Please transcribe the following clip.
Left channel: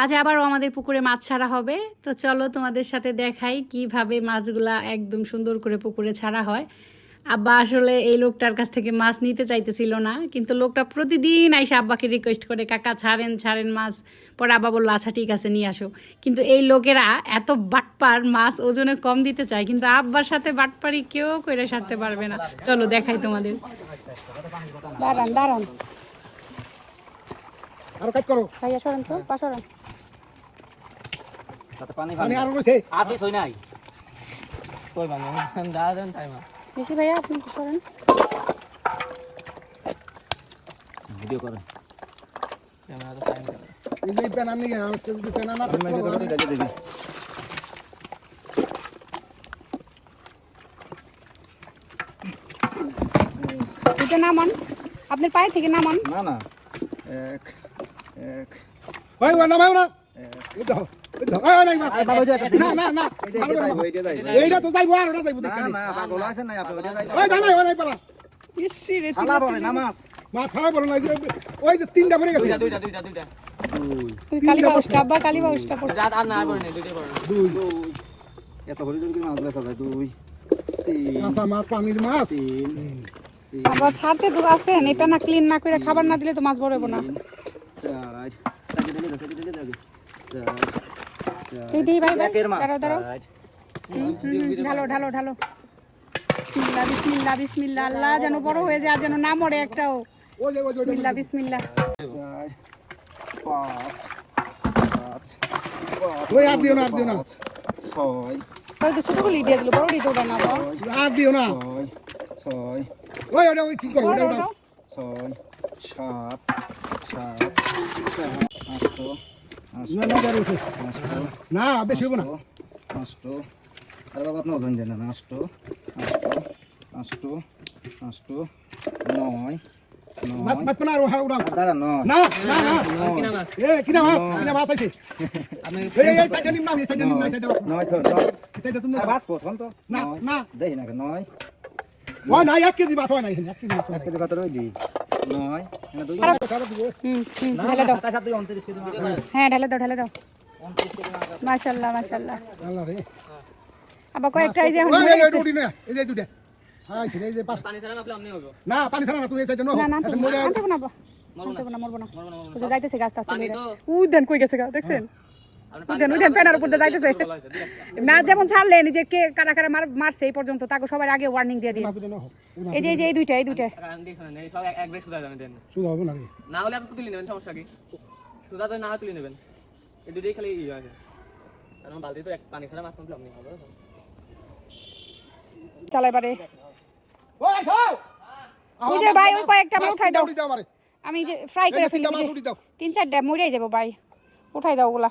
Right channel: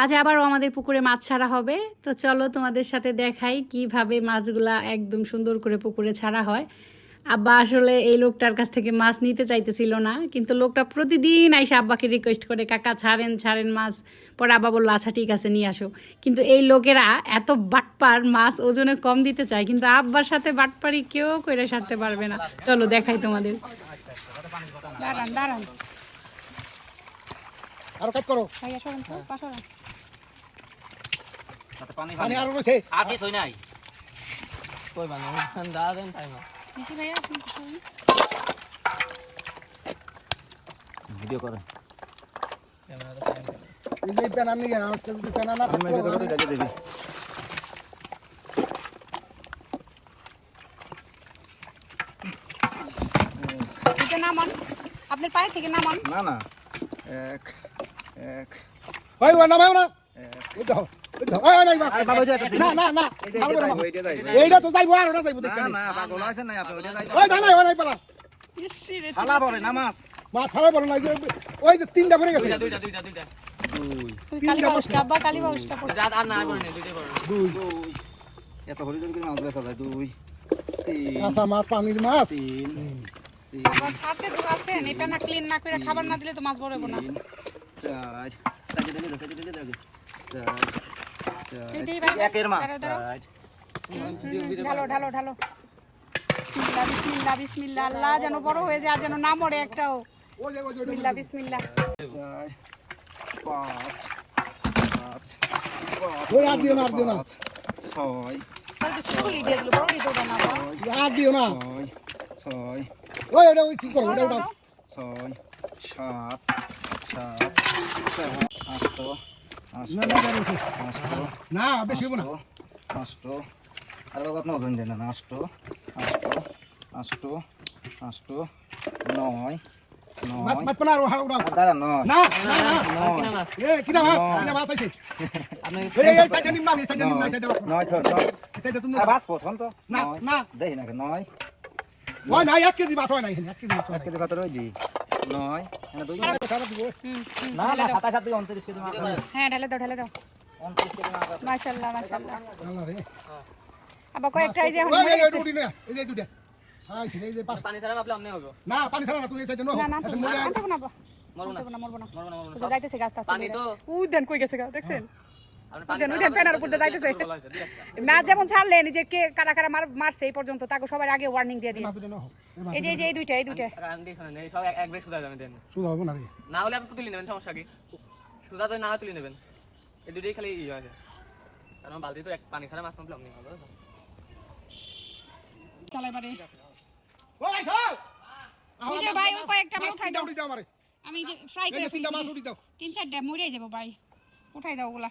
আজ আবারও আমাদের পুকুরে মাছ ছাড়া হবে, তো চলো তোমাদের সাথে দেখাই কিভাবে মাছগুলা একদম সুন্দর করে পুকুরে ছাড়া হয়। আব্বা আসলে এই লোকটার কাছ থেকে মাছ নিতে চাইতেছিল না, কিন্তু লোকটা প্রতিদিন আইসা আব্বাকে রিকোয়েস্ট করে, কাকা ছাড়েন ছাড়েন মাছ। পরে আব্বা বললো আচ্ছা ঠিক আছে নিয়ে আসো। কিন্তু এই লোকেরা এত বাটপার, মাছ ওজনে কম দিতে চায়, কিন্তু আব্বার সাথে বাটপারি কেউ করে সারতে পারবে না। চলো দেখাই তোমাদের। দাঁড়ান দাঁড়ান, আর কাজ করো ভাইয়া সরেন তো, পাশরেন। পানি আর রয়েছে আটিস হই নাই কই বাবা দাঁড়া দেন তাই মা বেশি ভাইয়া আপনি কি করেন? ভিডিও করে ক্যামেরা তো টাইম করে এই যে পেনা নিয়ে আসতে যদি পেনা না আমি ভিডিও করে দেখে দেবি এটা নামান, আপনার পায়ে থেকে নামান। না না এক এক ওই ওই নামাও না এই দাও ওই ওই না আরে বাবা যাই না না না ওইটা যাই এইটা তো যাইবো আর ওটা যাইবো না দেখতে না পাগল আছেন না আপনি ওইটা যাই ওই জানা ওই নাই পালা ইসি রে, হালা বলে নামাজ মা ছাড়া বলো না ওই যে তিনটা পড়ে গেছে দুইটা দুই তুমি কালী বাউসটা, আব্বা কালী বাউসটা পড়ে। রাত আর না আর পড়ে নেই দুইটাই পড়ে দুই এত হরি জোর করে মাছ বেচা যায় দুই তিন আচ্ছা মাছ পানির মাছ তিন আব্বা ছাড়তে তো আছেন, এটা না ক্লিন না করে খাবার না দিলে তো মাছ বড় হবে না। চার সাইডে দিলে চার এই দিই ভাই ভাই, একের মাছ দাঁড়াও দাঁড়াও, ঢালো ঢালো ঢালো। বিসমিল্লাহ বিসমিল্লাহ বিসমিল্লাহ, আল্লাহ যেন বড় হয়ে যায়, আর যেন না মরে একটাও। ওই যে বিসমিল্লাহ বিসমিল্লাহ। চার পাঁচ পাঁচ ওই আর দিও না ছয় ওই তো ছোটগুলি দিয়ে দিল, বড় দিতে ওটা না বাবা। আর দিও না ছয় ছয় ওই ওটা ওই কি করো ওটা ওটা ছয় সাত সাত আষ্ট না না করো আষ্ট না বেশি হবো না আষ্ট আরে বাবা আপনার ওজন দেন না আষ্ট আষ্ট আষ্ট আষ্ট নয় মাছ নয় মাছ পানা আর হাও না দাঁড়া নয় না না না কি নাম আছে এ কিনা মাছ কিনা মাছ আছে আপনি এই সাইডে নিম না এই সাইডে নিম না এই সাইডে মাছ নয় তো নয় এই সাইডে তুমি বাস প্রথম তো না নয় না দেখি না নয় ওই না 1 কেজি মাছ হয় না 1 কেজি মাছ হয় এক কেজি কত রয়েছে নয় এখানে দুই না সারা দিব না ঢেলে দাও, সাতাশ আর দুই 29 কেজি মাছ হ্যাঁ ঢেলে দাও ঢেলে দাও। 29 কেজি মাছ মাশাআল্লাহ মাশাআল্লাহ। আল্লাহ রে আব্বা কয়েক ট্রাই যে ওই এই রুটি না এই যে দুটো হ্যাঁ সেটা এই যে পানি ছাড়া আপনি আপনি হবে না পানি ছাড়া না তুই এই সাইডে নো না না আচ্ছা মরে আনতে না আব্বা, মরবো না মরবো না মরবো না। মরবো না মরবো তো না যাইতেছে গাছ টাছ পানি তো উই দেন কই গেছে গা, দেখছেন? আপনি উদেন উদেন পেনার উপর দিয়ে যাইতেছে। ম্যাচ যেমন ছাড়লেন, এই যে কে কারা কারা মারছে এই পর্যন্ত, তাকে সবার আগে ওয়ার্নিং দিয়ে দিন। মাছ দুটো নো এই যে এই যে এই দুইটা নেই সব এক বেশ সুদা যাবেন দেন শুধু হবে না রে না হলে আপনি তুলে নেবেন সমস্যা কি সুদা তো না তুলে নেবেন এই দুটোই খালি ইয়ে আছে কারণ বালতি তো এক পানি ছাড়া মাছ মারলে আপনি হবে চালাই বারে। ওই যাও ওই যে ভাই ওই কয়েকটা আমরা উঠাই দাও, আমারে আমি যে ফ্রাই করে এই তিনটা ফেলি। মাছ উঠি দাও 3-4টা মরেই যাবো ভাই, উঠাই দাও ওগুলা।